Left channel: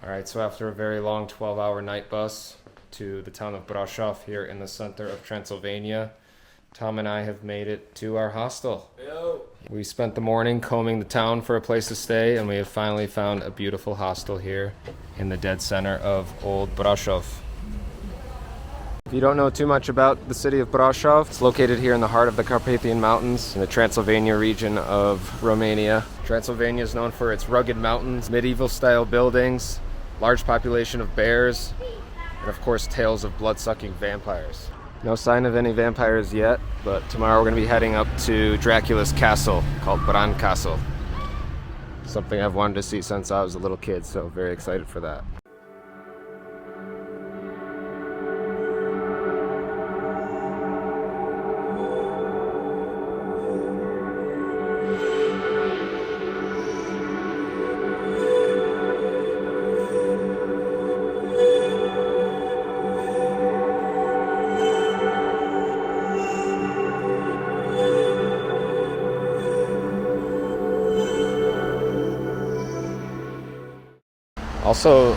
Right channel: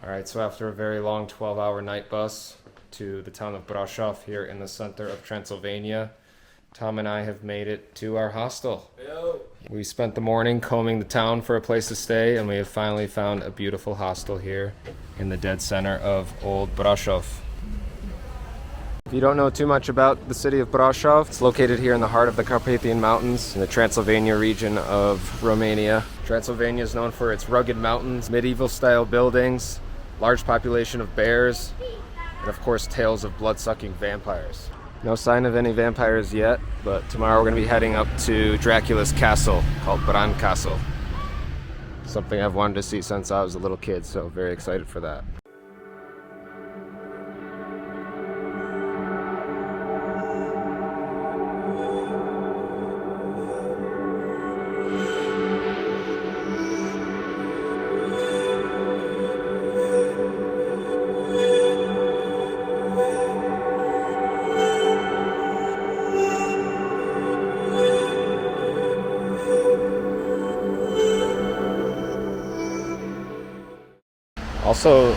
Alright, so after a very long 12-hour night bus to the town of Brasov here in the center of Transylvania, Tom and I have made it to our hostel. Yo. We spent the morning combing the town for a place to stay, and we have finally found a beautiful hostel here in the dead center of Old Brasov. If you don't know too much about the city of Brasov, it's located here in the heart of the Carpathian Mountains in the Transylvania region of Romania. Transylvania is known for its rugged mountains, medieval-style buildings, large population of bears, and of course tales of blood-sucking vampires. No sign of any vampires yet, but tomorrow we're going to be heading up to Dracula's castle called Bran Castle. Something I've wanted to see since I was a little kid, so very excited for that. Also,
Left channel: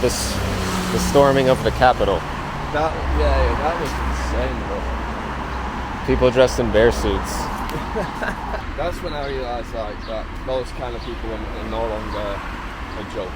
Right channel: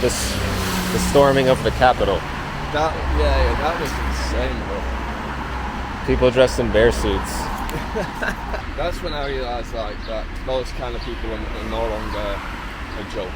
the storming of the Capitol. That was insane, bro. People dressed in bear suits. That's when I realised like that those kind of people are no longer a joke.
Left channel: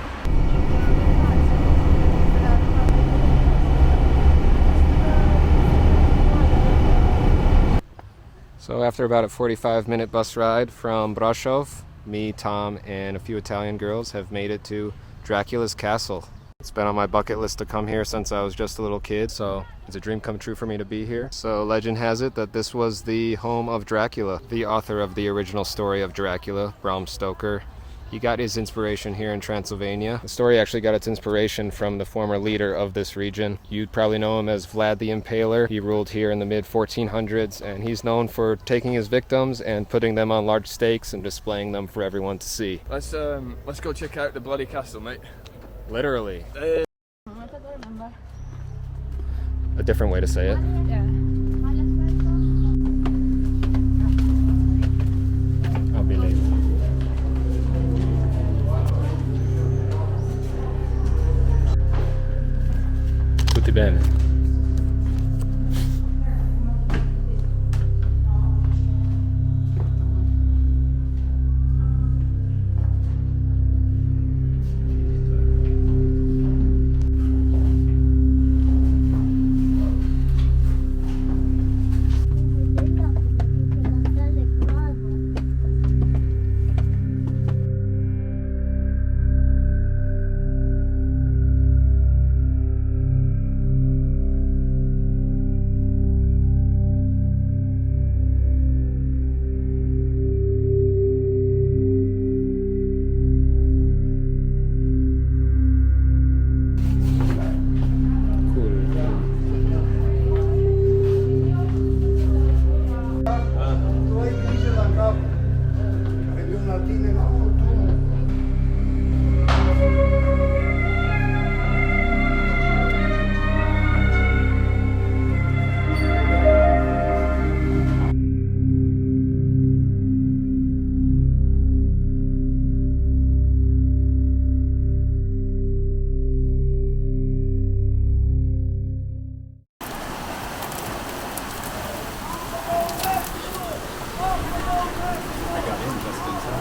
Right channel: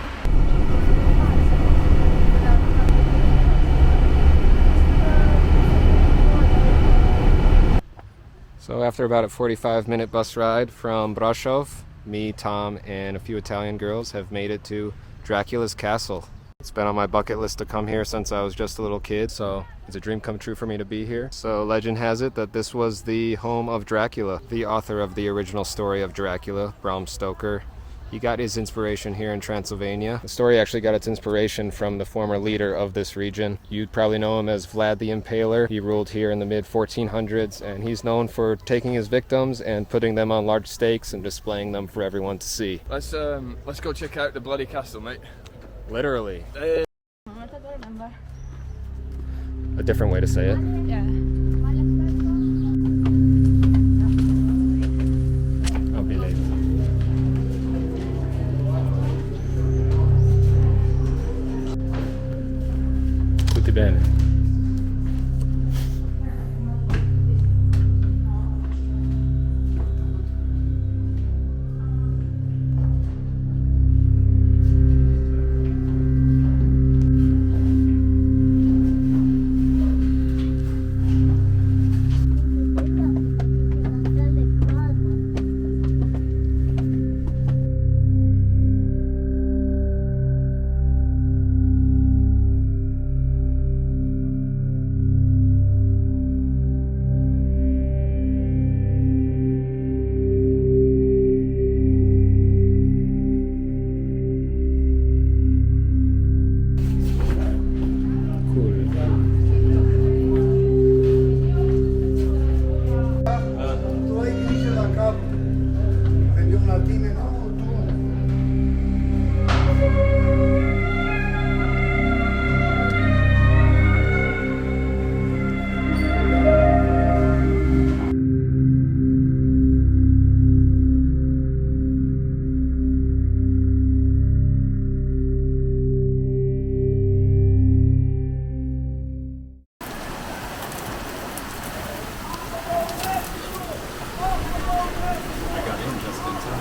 So after about a 45-minute bus ride from Brasov, me, Tom, and a few Italian girls have made it to Dracula's castle. It's been on my bucket list to come here since I was just a little kid, so it's a dream come true for me to be here. So legend has it that this was the home of Dracula, the author of the original story of Dracula, Bram Stoker. He got his inspiration here in Transylvania. The story actually got its inspiration from the former leader of this region. You'd probably know him as Vlad the Impaler. He ruled here in the mid-1400s, and he's known for taking his victims and putting them on large stakes and displaying them for everyone to see. Let's go check out the bloody castle, mate. Literally. A different way to say it. I'll be late. Tutti bene.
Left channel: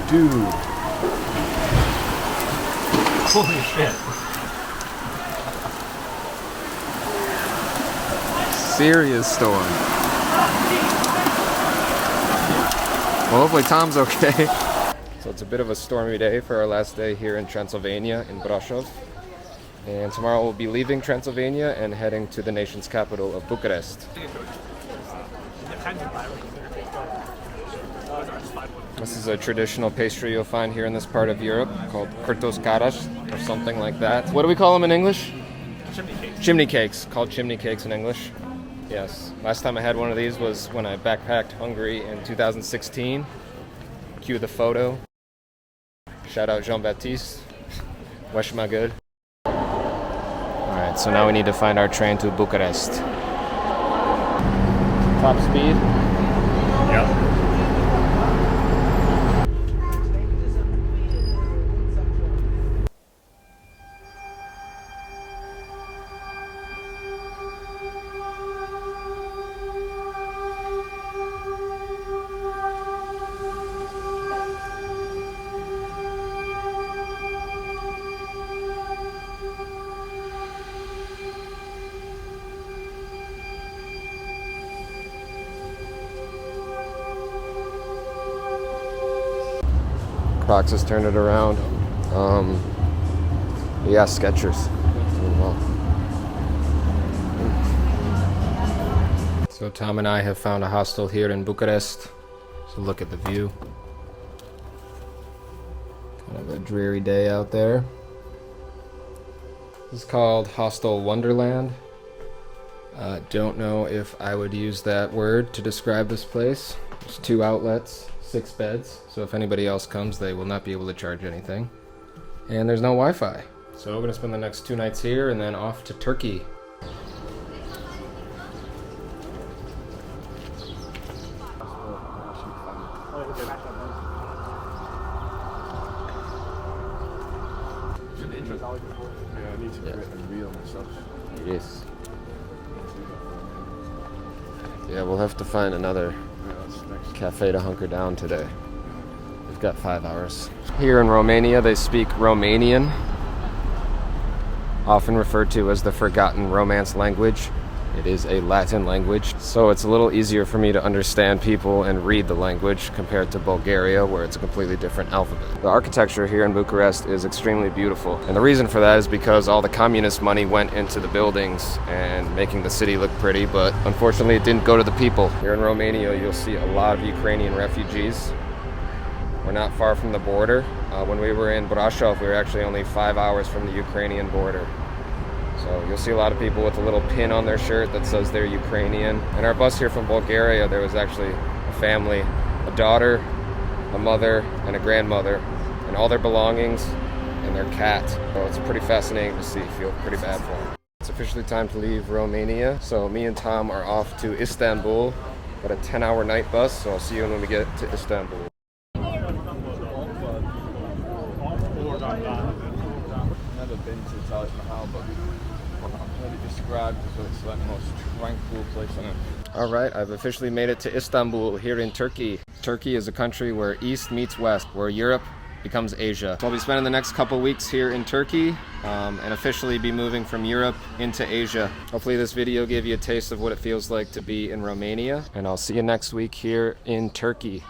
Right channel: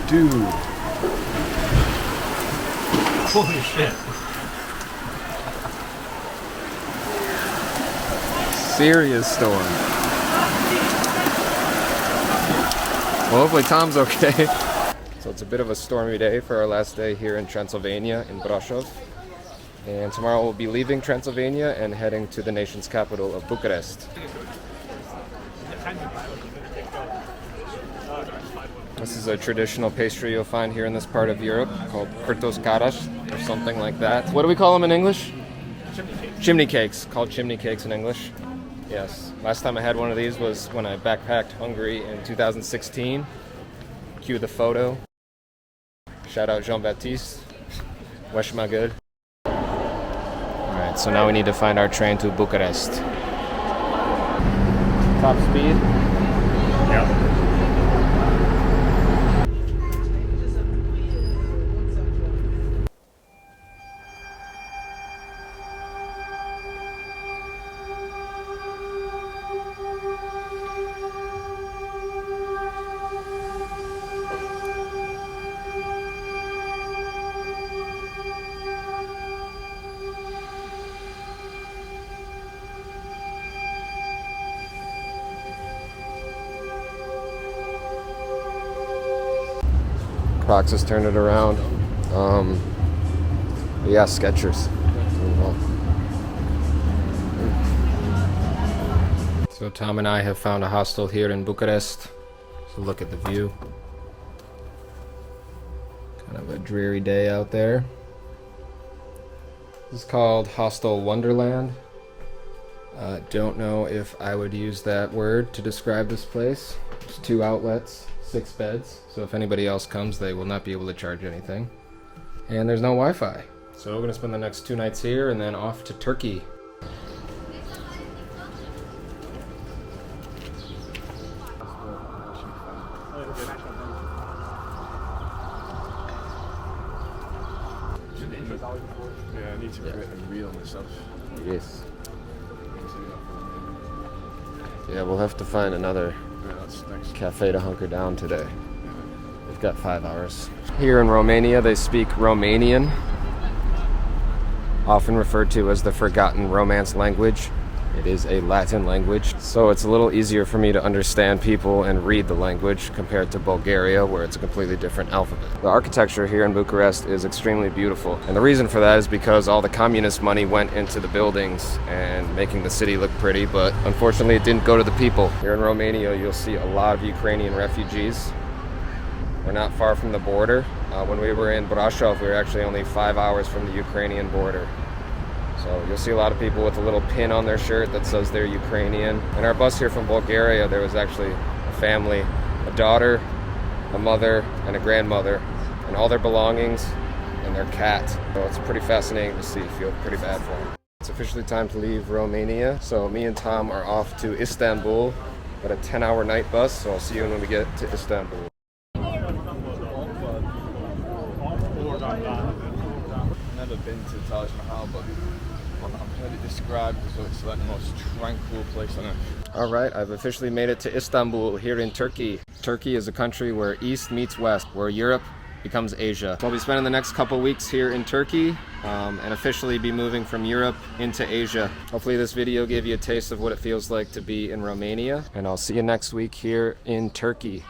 Dude. Holy shit. Serious storm. Well, hopefully Tom's okay. So it's a bit of a stormy day for our last day here in Transylvania, in Brasov. And tomorrow we'll be leaving Transylvania and heading to the nation's capital of Bucharest. This is a traditional pastry you'll find here in this part of Europe called kurtos karas or something like that. What do we call them in English? Chimney cakes, called chimney cakes in English. Yes. Last time I had one of these was when I backpacked Hungary in 2016. Cue the photo. Shout out Jean-Baptiste. Wesh ma good. Alright, so now we need to find our train to Bucharest. Top speed. Yeah. Proxys turned it around. Yeah, Skechers. Doing well. So Tom and I have found a hostel here in Bucharest. So look at the view. Kind of a dreary day out there. This is called Hostel Wonderland. Don't know if I would use that word to describe this place. There's 2 outlets, 6 beds. So if anybody else comes, they will not be able to charge anything. And there's no Wi-Fi. So we're gonna spend the next 2 nights here and then off to Turkey. Yes. Yeah, we'll have to find another cafe to hunker down today. We've got 5 hours. Here in Romania, they speak Romanian, often referred to as the forgotten Romance language. It is a Latin language, so it's a little easier for me to understand people and read the language compared to Bulgaria, where it's a completely different alphabet. The architecture here in Bucharest is extremely beautiful, and the reason for that is because all the communist money went into the buildings and making the city look pretty, but unfortunately it didn't go to the people. Here in Romania, you'll see a lot of Ukrainian refugees. We're not far from the border. When we were in Brasov, we were actually only 5 hours from the Ukrainian border. So you'll see a lot of people with a little pin on their shirt that says they're Ukrainian. In our bus here from Bulgaria, there was actually a family, a daughter, a mother, and a grandmother, and all their belongings and their cat. So it's pretty fascinating to see. Feel pretty bad for them. It's officially time to leave Romania. So me and Tom are off to Istanbul, but a 10-hour night bus. So I'll see you when we get to Istanbul. Never been to Taj Mahal, but maybe described as it's like the most tranquil place on earth. All right, I've officially made it to Istanbul here in Turkey. Turkey is a country where East meets West, where Europe becomes Asia. So I'll be spending the next couple weeks here in Turkey and officially be moving from Europe into Asia. Hopefully this video gave you a taste of what it feels like to be in Romania, and I'll see you next week here in Turkey.